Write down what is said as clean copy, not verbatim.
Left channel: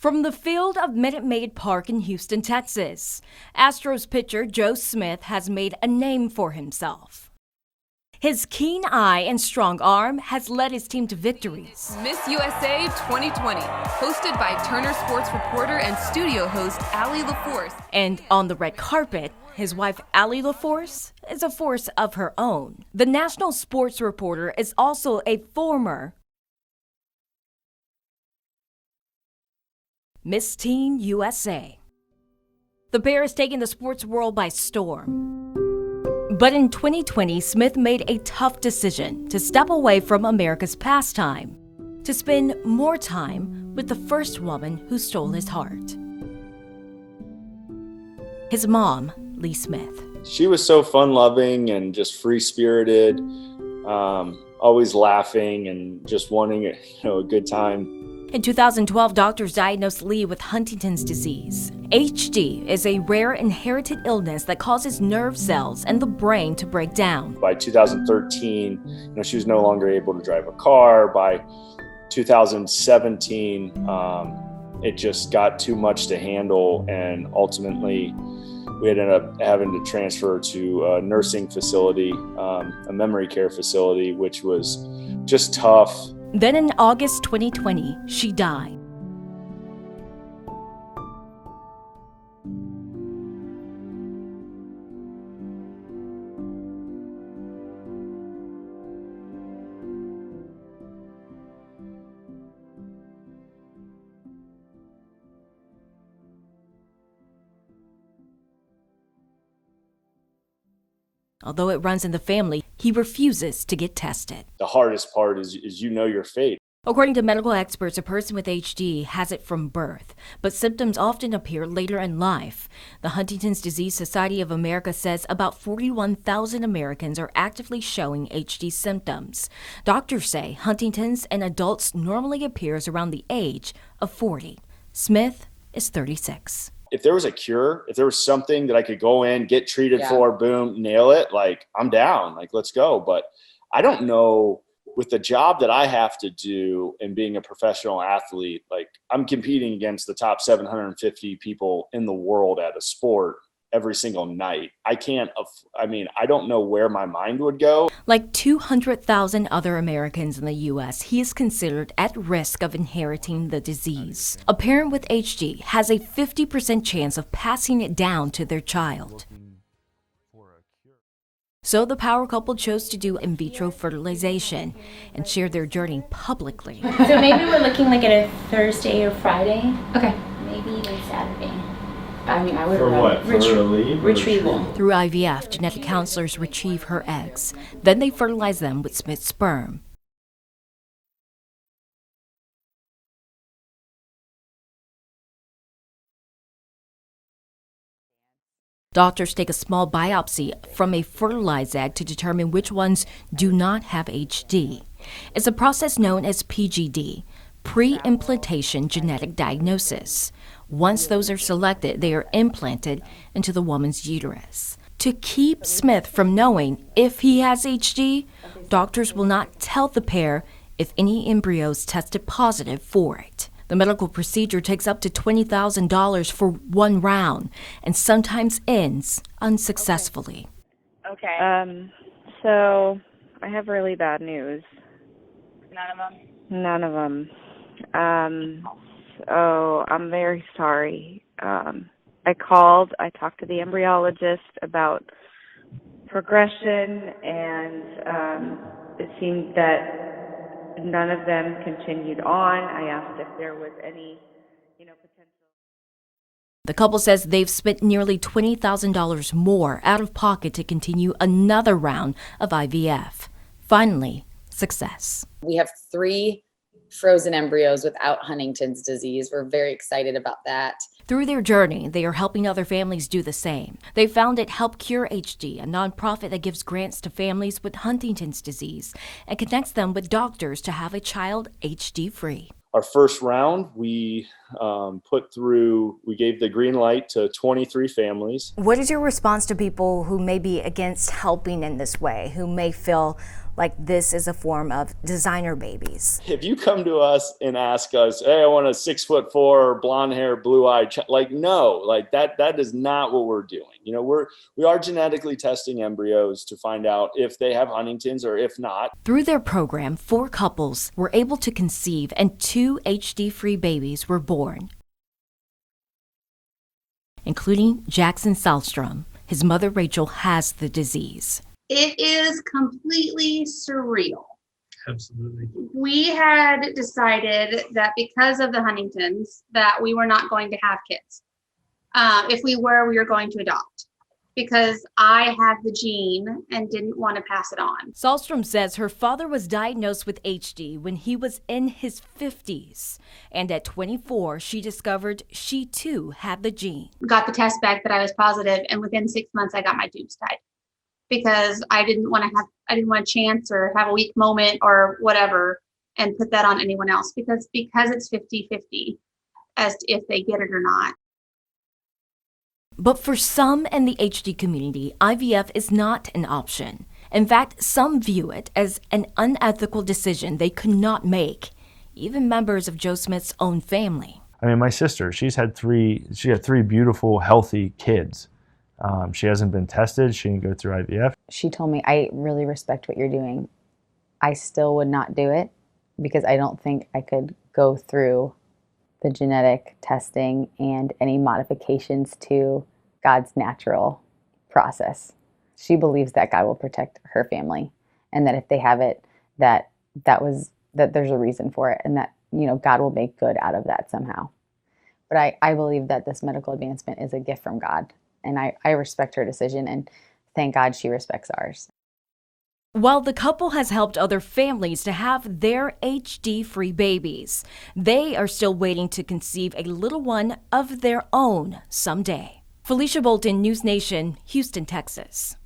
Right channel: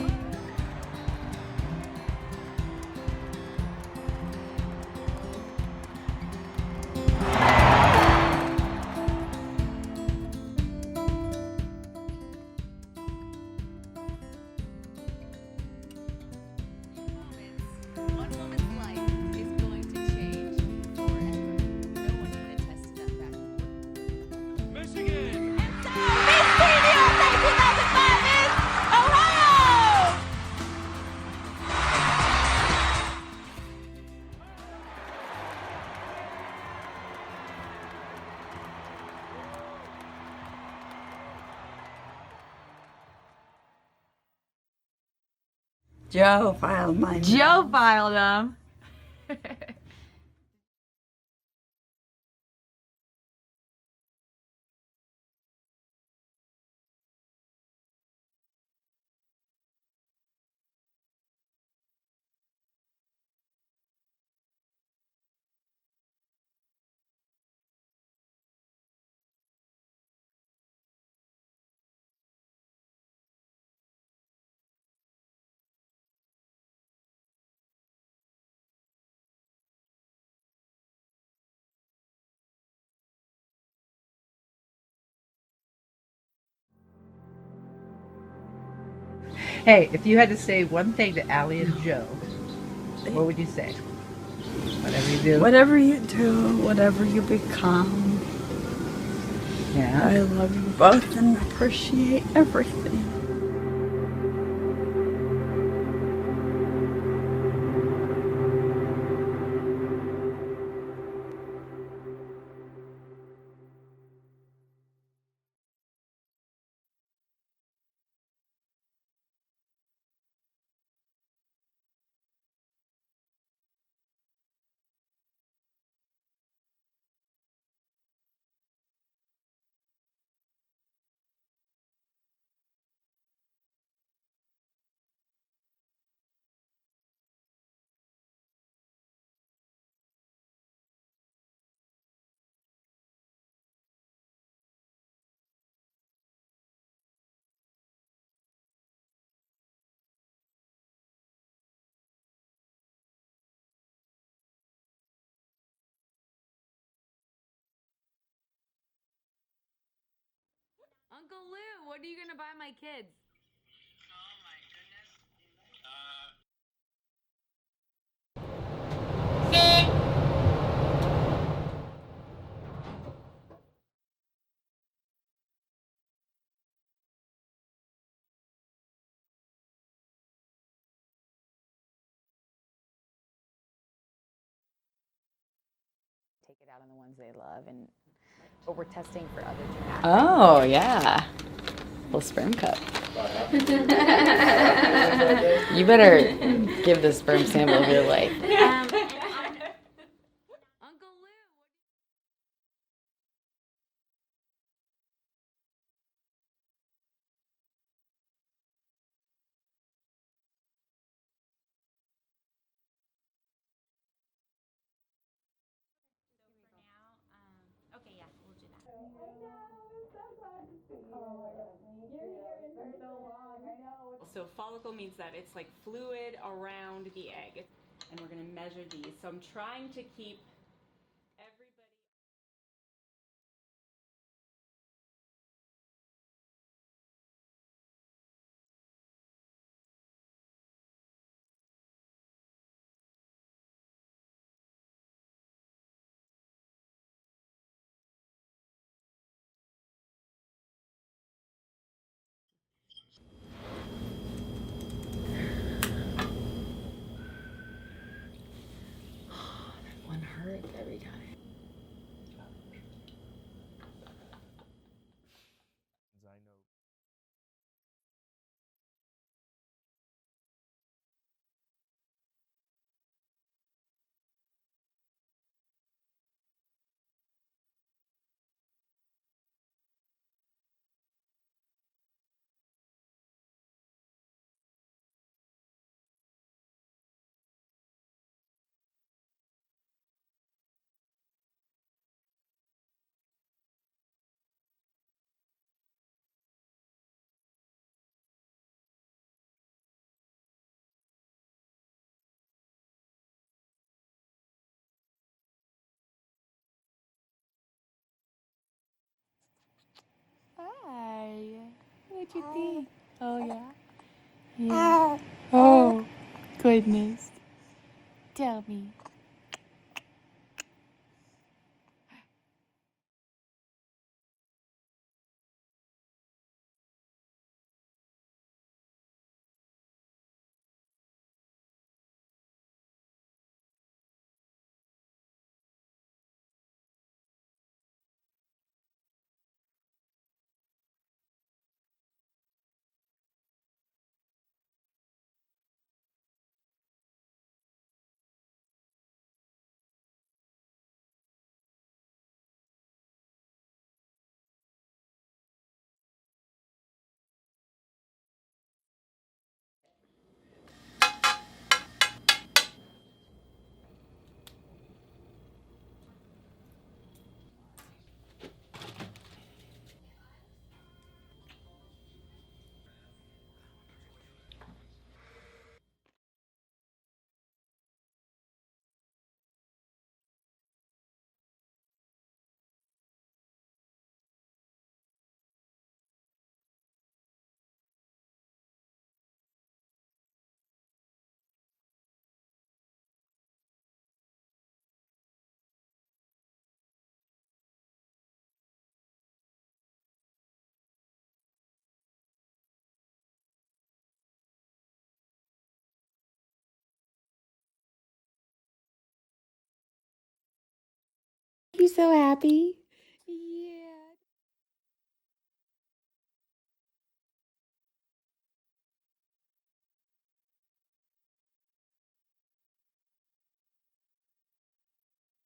From the field of Minute Maid Park in Houston, Texas, Astros pitcher Joe Smith has made a name for himself. His keen eye and strong arm has led his team to victories. Miss USA 2020, hosted by Turner Sports reporter and studio host Allie LaForce. And on the red carpet, his wife Allie LaForce is a force of her own. The national sports reporter is also a former Miss Teen USA. The Bear is taking the sports world by storm. But in 2020, Smith made a tough decision to step away from America's pastime, to spend more time with the first woman who stole his heart. Joe filed him. His mom, Lee Smith. She was so fun-loving and just free-spirited, always laughing and just wanting a good time. In 2012, doctors diagnosed Lee with Huntington's disease. HD is a rare inherited illness that causes nerve cells and the brain to break down. By 2013, she was no longer able to drive a car. By 2017, it just got too much to handle, and ultimately we ended up having to transfer to a nursing facility, a memory care facility, which was just tough. Then in August 2020, she died. Hey, if you had to say one thing to Allie and Joe, what would you say? Whatever you do. Whatever you do, whatever you become. Yeah. I love you both and appreciate everything. Although it runs in the family, he refuses to get tested. The hardest part is your fate. According to medical experts, a person with HD has it from birth, but symptoms often appear later in life. The Huntington's Disease Society of America says about 41,000 Americans are actively showing HD symptoms. Doctors say Huntington's in adults normally appears around the age of 40. Smith is 36. If there was a cure, if there was something that I could go in, get treated for, boom, nail it, I'm down, let's go. But I don't know, with the job that I have to do and being a professional athlete, I'm competing against the top 750 people in the world at a sport every single night. I don't know where my mind would go. Like 200,000 other Americans in the U.S., he is considered at risk of inheriting the disease. A parent with HD has a 50% chance of passing it down to their child. So the power couple chose to do in vitro fertilization and share their journey publicly. So maybe we're looking at a Thursday or Friday. Okay. Maybe even Saturday. I would For what? For her to leave? Retrieval. Through IVF, genetic counselors retrieve her eggs. Then they fertilize them with Smith's sperm. Oh, yeah. Little sperm cup. You better give the sperm sample of your life. Doctors take a small biopsy from a fertilized egg to determine which ones do not have HD. It's a process known as PGD, pre-implantation genetic diagnosis. Once those are selected, they are implanted into the woman's uterus. To keep Smith from knowing if he has HD, doctors will not tell the pair if any embryos tested positive for it. The medical procedure takes up to $20,000 for one round and sometimes ends unsuccessfully. Okay. So I have really bad news. None of them. So I'm very sorry. I talked to the embryologist about progression, and it seemed that none of them continued on. I asked if there was any. The couple says they've spent nearly $20,000 more out of pocket to continue another round of IVF. Finally, success. We have 3 frozen embryos without Huntington's disease. We're very excited about that. Through their journey, they are helping other families do the same. They founded Help Cure HD, a nonprofit that gives grants to families with Huntington's disease and connects them with doctors to have a child HD-free. Our first round, we gave the green light to 23 families. What is your response to people who may be against helping in this way, who may feel like this is a form of designer babies. If you come to us and ask us, hey, I want a 6'4", blonde hair, blue eye, like, no, like that is not what we're doing. You know, we are genetically testing embryos to find out if they have Huntington's or if not. Through their program, 4 couples were able to conceive and 2 HD-free babies were born. Oh, goodness. Including Jackson Salstrom. His mother, Rachel, has the disease. It is completely surreal. Absolutely. We had decided that because of the Huntingtons, that we were not going to have kids. If we were going to adopt, because I have the gene and didn't want to pass it on. Salstrom says her father was diagnosed with HD when he was in his 50s. And at 24, she discovered she too had the gene. Got the test back that I was positive, and within 6 months I got my tubes tied. Because I didn't want to chance or have a weak moment or whatever and put that on anyone else, because it's 50-50 as to if they get it or not. But for some in the HD community, IVF is not an option. In fact, some view it as an unethical decision they could not make, even members of Joe Smith's own family. I mean, my sister, she had 3 beautiful, healthy kids. She hasn't been tested. She didn't go through IVF. She told me, I really respect what you're doing. I still would not do it because I don't think I could go through the genetic testing and any modifications to God's natural process. She believes that God will protect her family, and that if they have it, that there's a reason for it, and that, you know, God will make good out of that somehow. But I believe that this medical advancement is a gift from God, and I respect her decision, and thank God she respects ours. I'm so happy. While the couple has helped other families to have their HD-free babies, they are still waiting to conceive a little one of their own someday. Felicia Bolton, News Nation, Houston, Texas.